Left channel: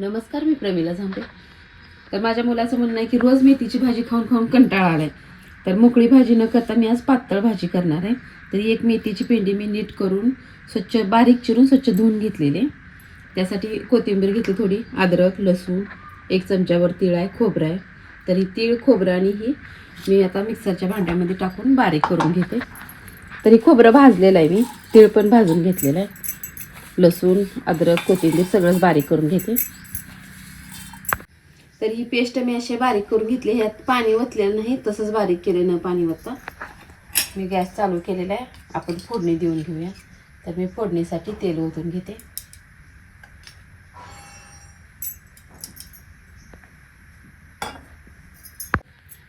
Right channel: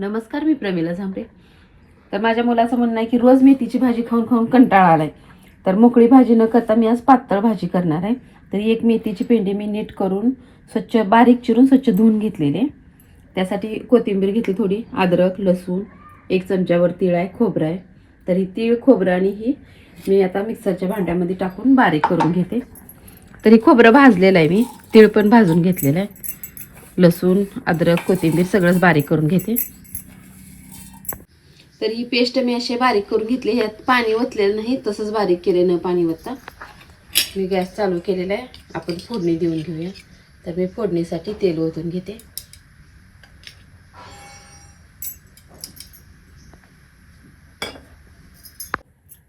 नमस्कार मी प्रमिला झांपे तर माझ्या मुलाचं म्हणणं आहे की रोज मेथीची भाजी खाऊन खाऊन कंटाळा आलाय. तर मोकळी भाजी न करता मी आज पातळ भाजी करणार आहे. तर एक मेथीची पेंडी मी नीट करून स्वच्छ बारीक चिरून स्वच्छ धुवून घेतलेले त्यासाठी कोथिंबीर घेतली थोडी अद्रक लसूण एक चमच्यावर तीळ आहे खोबरं आहे. तर ही तीळ खोबरं आणि ही मी आता मिक्सरच्या भांड्यामध्ये टाकून बारीक करून घेते. तरी खोबरं भाजलेलं आहे मी. तीळ पण भाजून घेतलेलं आहे. लसूण अद्रक कोथिंबीर सगळंच बारीक करून घेते. तर ही पेस्ट मी असे बारीक करून घेतली. ह्यात पाणी ओतलेलं नाही तसंच बारीक केले न पाणी ओतता. मी गॅस चालू केलेला आहे. आपण फोडणी देऊन घेऊया. तर मी फोडणीसाठी तेल ओतून घेते.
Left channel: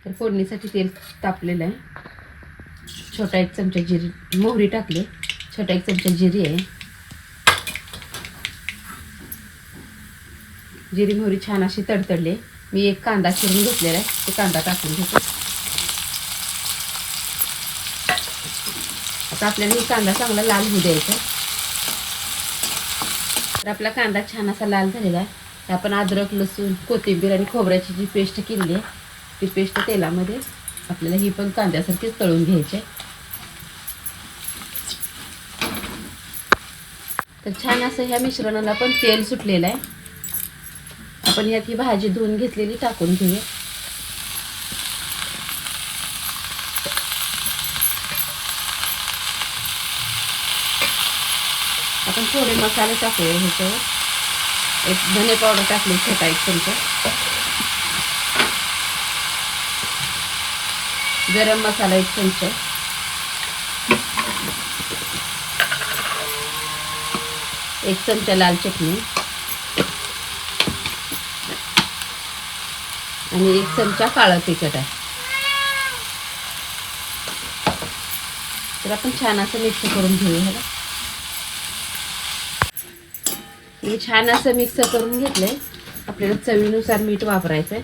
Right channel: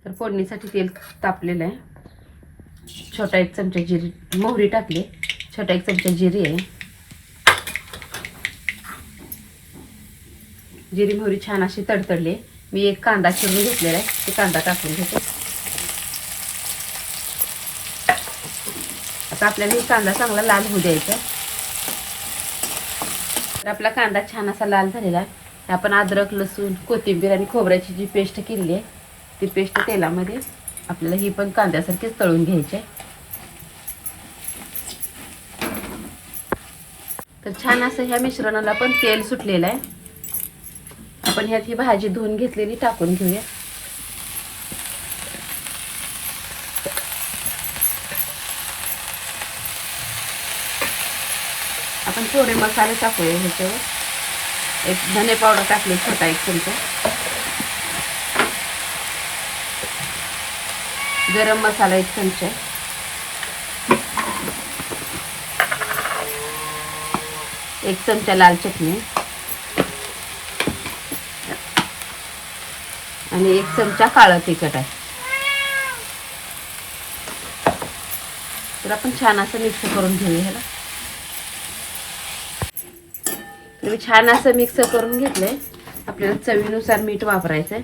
तर फोडणीसाठी तेल तापलेलं आहे. छोटा एक चमचा जिरी मोहरी टाकली. छोटा एक चमचा जिरी आहे. जिरी मोहरी छान अशी तडतडली. मी एक कांदा चिरून घेतलेला आहे. ते कांदा टाकून घेतो. आता आपल्याला ही कांदा चांगला लाल होऊ द्यायचा तर आपला कांदा छान असा लाल झालेला आहे. आपण अद्रक लसूण कोथिंबीर आणि खोबऱ्याची जी पेस्ट केली आहे ती पेस्ट तेलामध्ये आपल्याला ही पण कांद्यासारखीच तळून घ्यायची आहे. तर छान असं ह्या मिश्रणाला पण तेल सुटलेलं आहे. आपण यात ही भाजी धुवून घेतलेली टाकून घेऊया. आपण थोडे मसाले टाकूया ह्याच्यावर. एक धने पावडर टाकली छोटा एक चमचा. गरम मसाला एक चमचा. एक चमचा लाल चटणी. आणि एक चमचा काळं तिखट आहे. तर आपण छान असं मिक्स करून घेऊया. मी छान असं मिक्स करून घेतलंय. आपल्याला चवीनुसार मीठ वापरायचंय.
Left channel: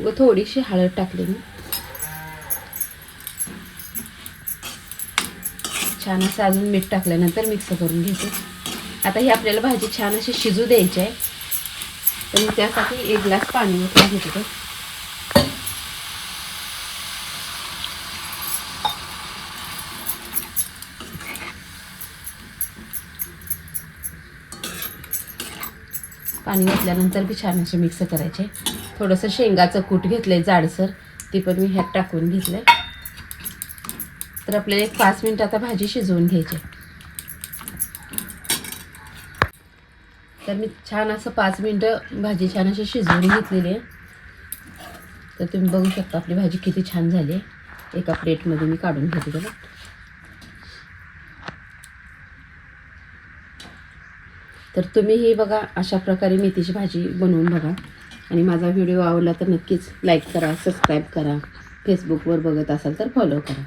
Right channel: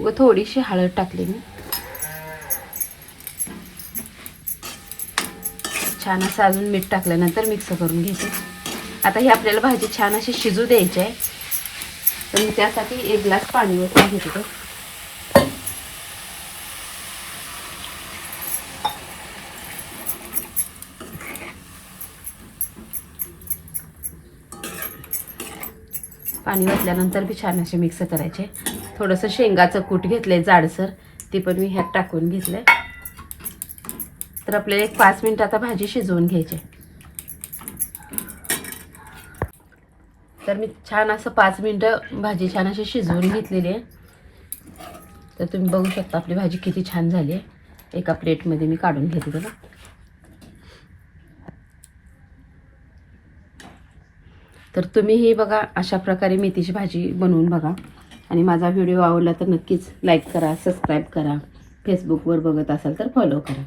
व थोडीशी हळद टाकली मी. छान असं अजून मीठ टाकल्यानंतर मिक्स करून घेते. आता ही आपल्याला भाजी छान अशी शिजू द्यायची आहे. तर मी त्यासाठी एक ग्लास पाणी ओतून घेते ते. पाणी घातल्यानंतर बी छान असे मिक्स करायचे थोडंसं शेंगाचं कूट घेतलंय जाडसर ते पण मी ह्यात टाकून घेतलंय. तर आपल्याला एक पाच मिनिट आता भाजी शिजवून घ्यायची तर मी छान असं पाच मिनटं भाजी छान अशी शिजवून घेतलेली आहे. तर तुम्ही बघू शकता आपली भाजी किती छान झाली आहे. एका प्लेटमध्ये मी काढून घेतली तर तुम्ही हे बघा अशा प्रकारे मेथीची भाजी बनवून बघा. आणि माझा व्हिडिओ आवडला तर नक्कीच लाईक करा सबस्क्राईब करा. फेसबुकवर बघत असाल तर फॉलो करा.